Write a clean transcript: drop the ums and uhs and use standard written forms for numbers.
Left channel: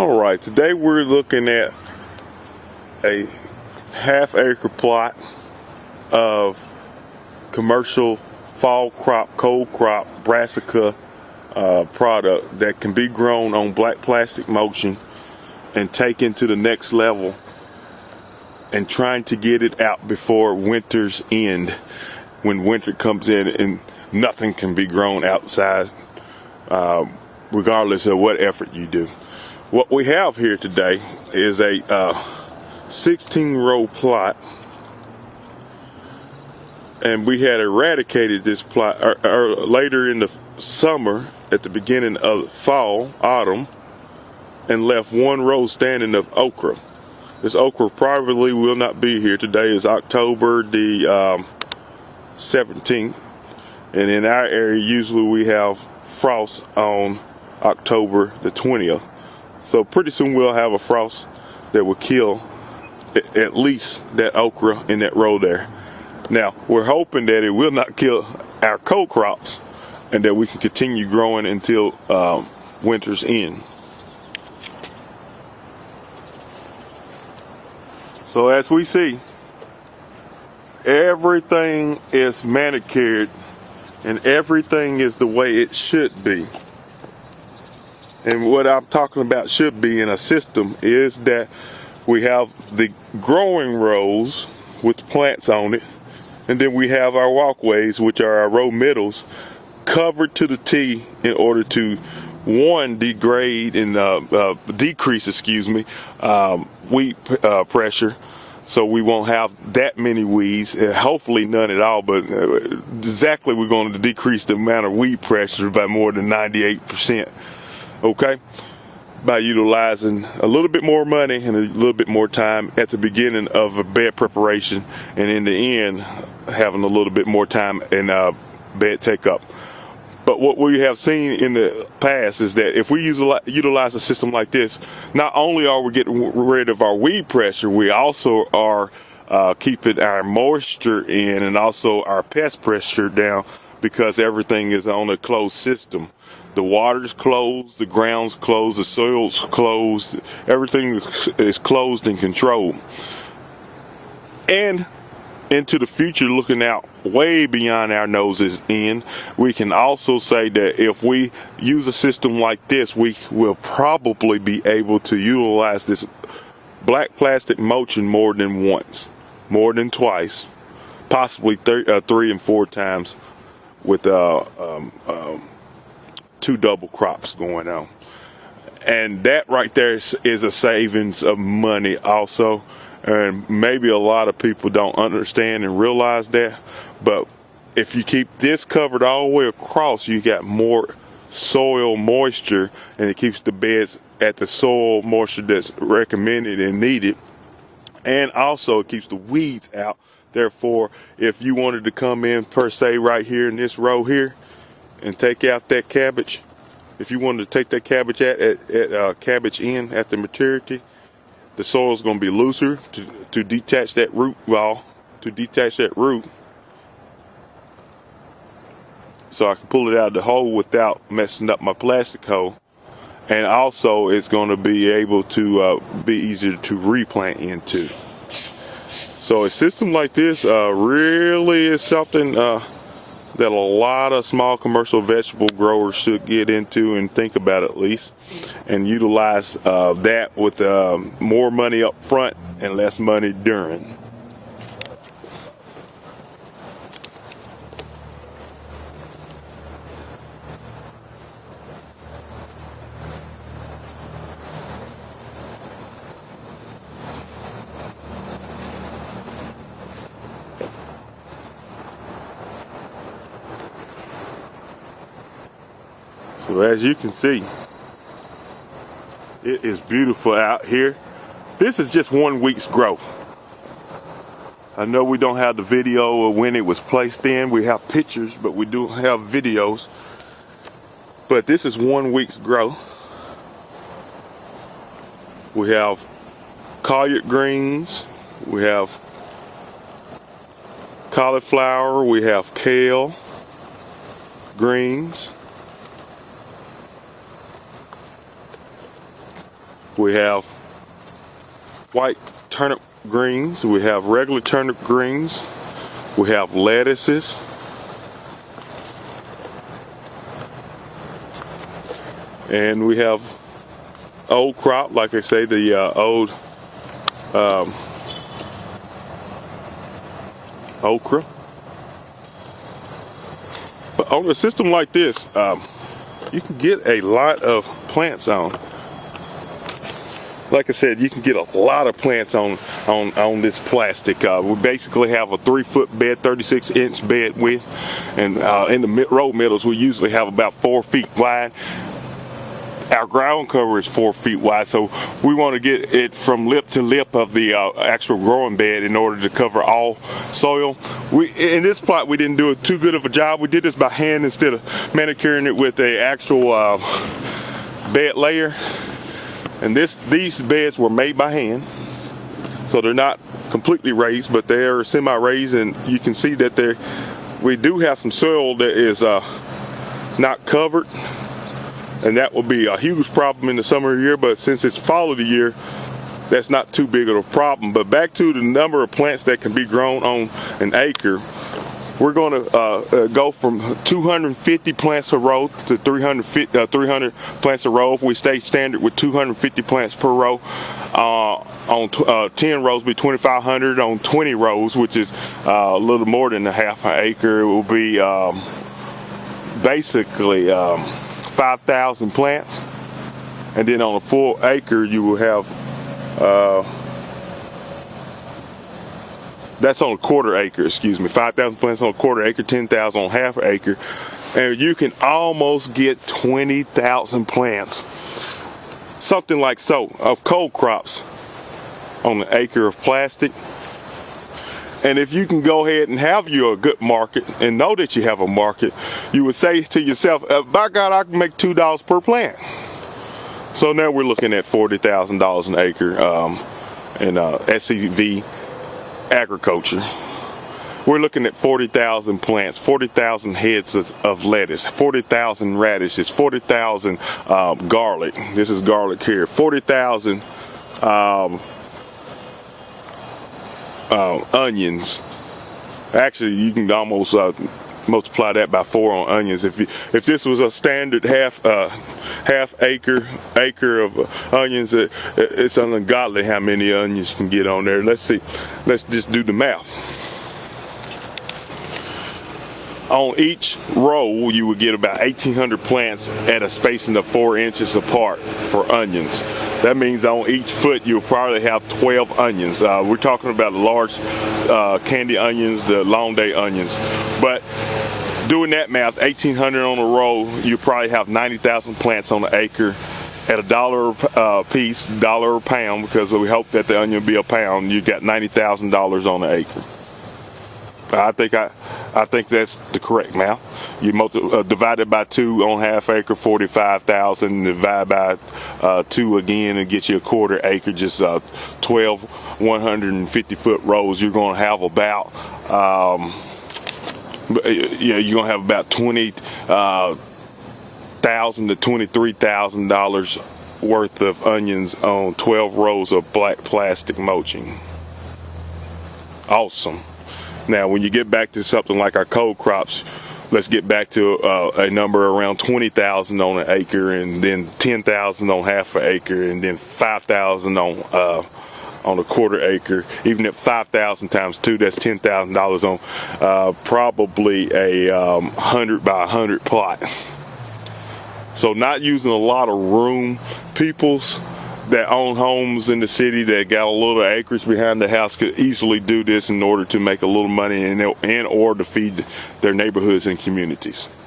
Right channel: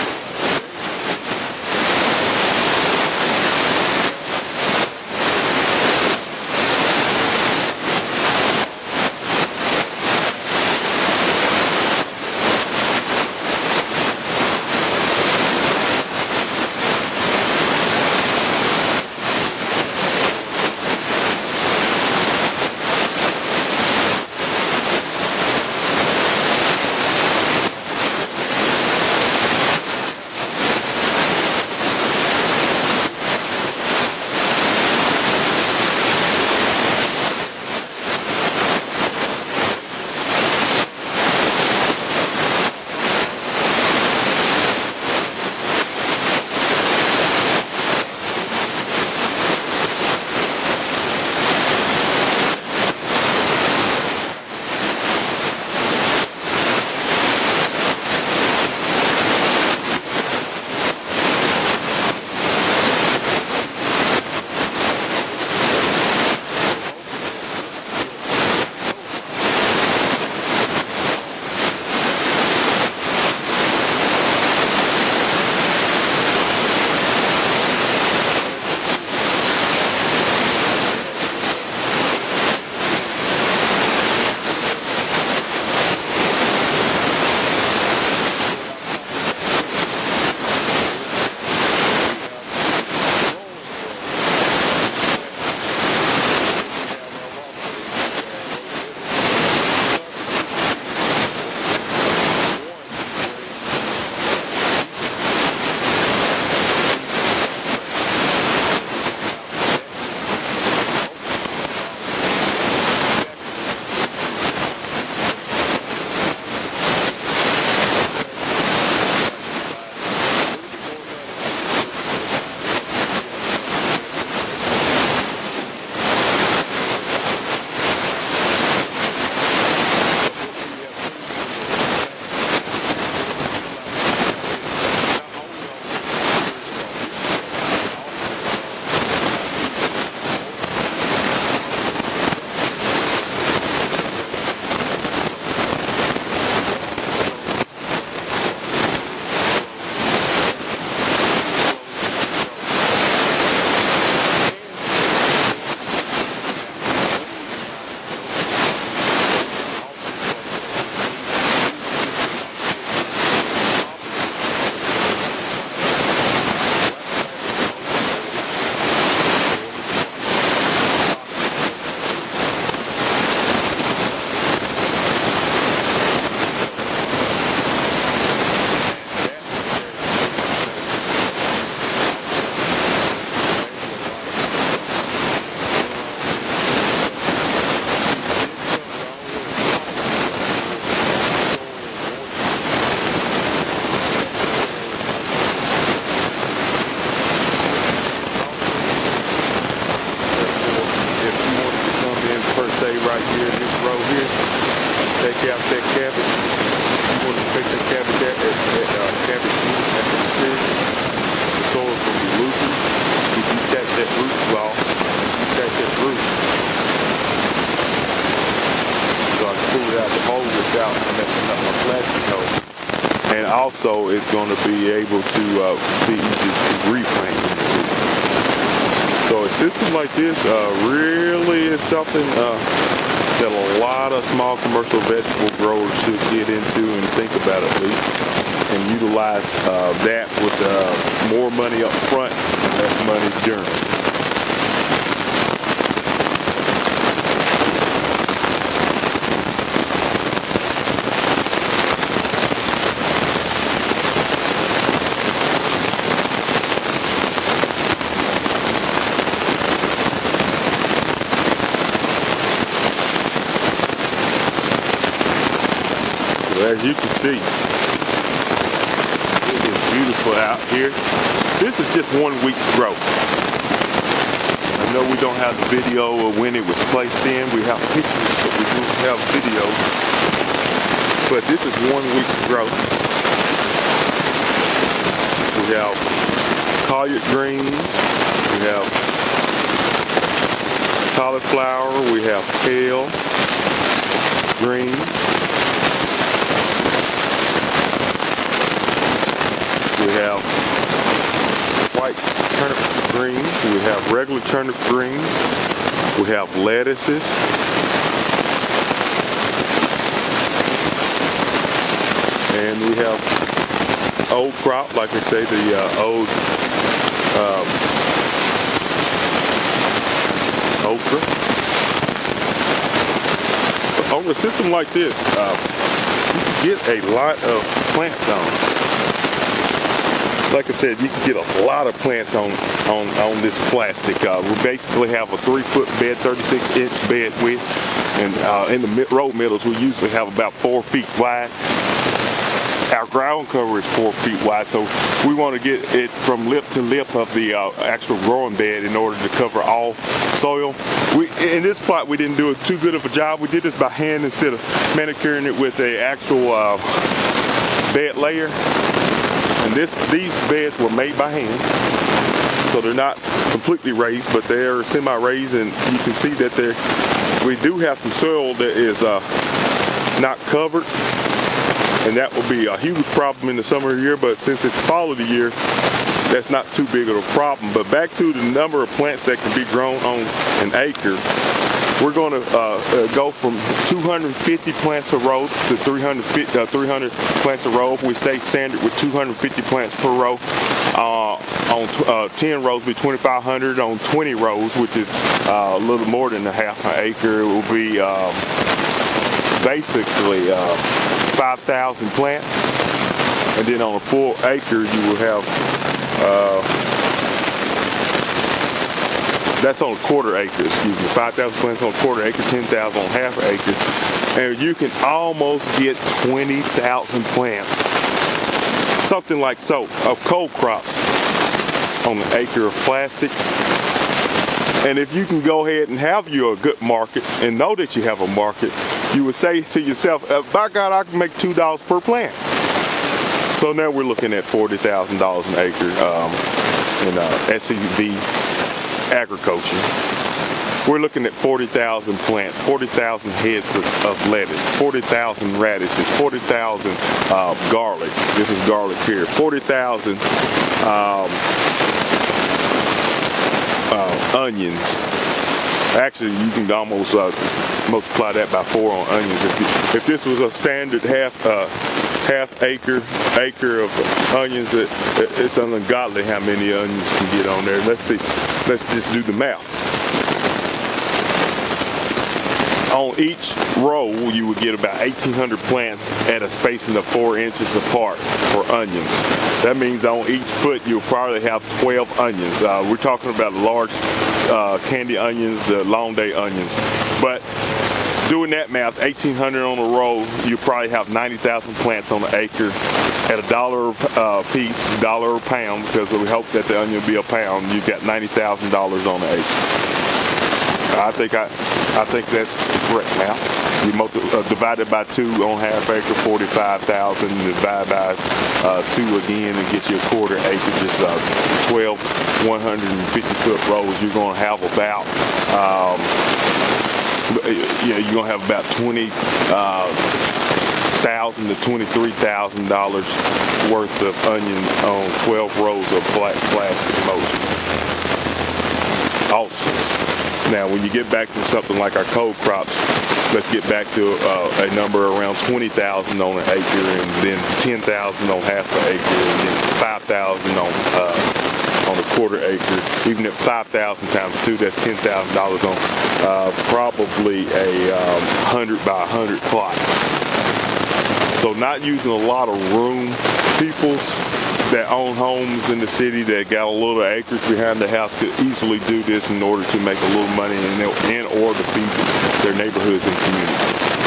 All right, today we're looking at a half-acre plot of commercial fall crop, cold crop, brassica product that can be grown on black plastic mulching and taken to the next level, and trying to get it out before winter's end, when winter comes in and nothing can be grown outside, regardless of what effort you do. What we have here today is a 16-row plot, and we had eradicated this plot later in the summer, at the beginning of fall, autumn, and left one row standing of okra. This okra probably will not be here today. It's October the 17th, and in our area usually we have frost on October the 20th. So pretty soon we'll have a frost that will kill at least that okra in that row there. Now, we're hoping that it will not kill our cold crops and that we can continue growing until winter's end. So as we see, everything is manicured and everything is the way it should be. And what I'm talking about should be in a system is that we have the growing rows with plants on it, and then we have our walkways, which are our row middles, covered to the T in order to, one, degrade and decrease, weed pressure, so we won't have that many weeds, and hopefully none at all, but exactly we're going to decrease the amount of weed pressure by more than 98%. Okay, by utilizing a little bit more money and a little bit more time at the beginning of the bed preparation, and in the end having a little bit more time in bed take-up. But what we have seen in the past is that if we utilize a system like this, not only are we getting rid of our weed pressure, we also are keeping our moisture in and also our pest pressure down, because everything is on a closed system. The water's closed, the ground's closed, the soil's closed, everything is closed and controlled. And into the future, looking out way beyond our noses in, we can also say that if we use a system like this, we will probably be able to utilize this black plastic mulching more than once, more than twice, possibly 3 and 4 times with two double crops going on. And that right there is a savings of money also. And maybe a lot of people don't understand and realize that, but if you keep this covered all the way across, you got more soil moisture, and it keeps the bed at the soil moisture that's recommended and needed, and also keeps the weeds out. Therefore, if you wanted to come in per se right here in this row here and take out that cabbage, if you wanted to take that cabbage at cabbage in at the maturity, the soil is going to be looser to detach that root ball, so I can pull it out of the hole without messing up my plastic hole. And also it's going to be able to be easier to replant into. So a system like this really is something that a lot of small commercial vegetable growers should get into and think about at least, and utilize that with more money up front and less money during. So as you can see, it is beautiful out here. This is just 1 week's growth. I know we don't have the video of when it was placed in. We have pictures, but we do have videos. But this is 1 week's growth. We have collard greens. We have cauliflower. We have kale, greens. We have white turnip greens. We have regular turnip greens. We have lettuces. And we have old crop, like I say, the old okra. But on a system like this, you can get a lot of plants on. Like I said, you can get a lot of plants on this plastic. We basically have a 3-foot bed, 36-inch bed width, and in the row middles we usually have about 4 feet wide. Our ground cover is 4 feet wide, so we want to get it from lip to lip of the actual growing bed in order to cover all soil. In this plot, we didn't do too good of a job. We did this by hand instead of manicuring it with a actual bed layer. And these beds were made by hand, so they're not completely raised, but they are semi-raised, and you can see that we do have some soil that is not covered, and that will be a huge problem in the summer of the year. But since it's fall of the year, that's not too big of a problem. But back to the number of plants that can be grown on an acre, we're going to go from 250 plants a row to 300 plants a row. If we stay standard with 250 plants per row, on 10 rows will be 2,500. On 20 rows, which is a little more than a half an acre, it will be basically 5,000 plants. And then on a full acre, you will have that's on a quarter acre, excuse me. 5,000 plants on a quarter acre, 10,000 on half an acre. And you can almost get 20,000 plants, something like so, of cold crops on an acre of plastic. And if you can go ahead and have you a good market and know that you have a market, you would say to yourself, by God, I can make $2 per plant. So now we're looking at $40,000 an acre in SCV agriculture. We're looking at 40,000 plants, 40,000 heads of lettuce, 40,000 radishes, 40,000 garlic. This is garlic here. 40,000 onions. Actually, you can almost multiply that by 4 on onions. If this was a standard half acre of onions, it's ungodly how many onions you can get on there. Let's see. Let's just do the math. On each row, you would get about 1,800 plants at a spacing of 4 inches apart for onions. That means on each foot, you'll probably have 12 onions. We're talking about large candy onions, the long day onions. But doing that math, 1,800 on a row, you probably have 90,000 plants on an acre at $1 a piece, $1 a pound, because we hope that the onion will be a pound. You got $90,000 on an acre. I think that's the correct math. You divide it by 2 on half acre, 45,000. Divide by 2 again and get you a quarter acre, just 12 150-foot rows. You're going to have about you're going to have about $20,000 to $23,000 worth of onions on 12 rows of black plastic mulching. Awesome. Now, when you get back to something like our cold crops, let's get back to a number around 20,000 on an acre, and then 10,000 on half an acre, and then 5,000 on a quarter acre. Even at 5,000 times 2, that's $10,000 on probably a 100 by 100 plot. So not using a lot of room. Peoples that own homes in the city that got a little acreage behind the house could easily do this in order to make a little money and or to feed their neighborhoods and communities.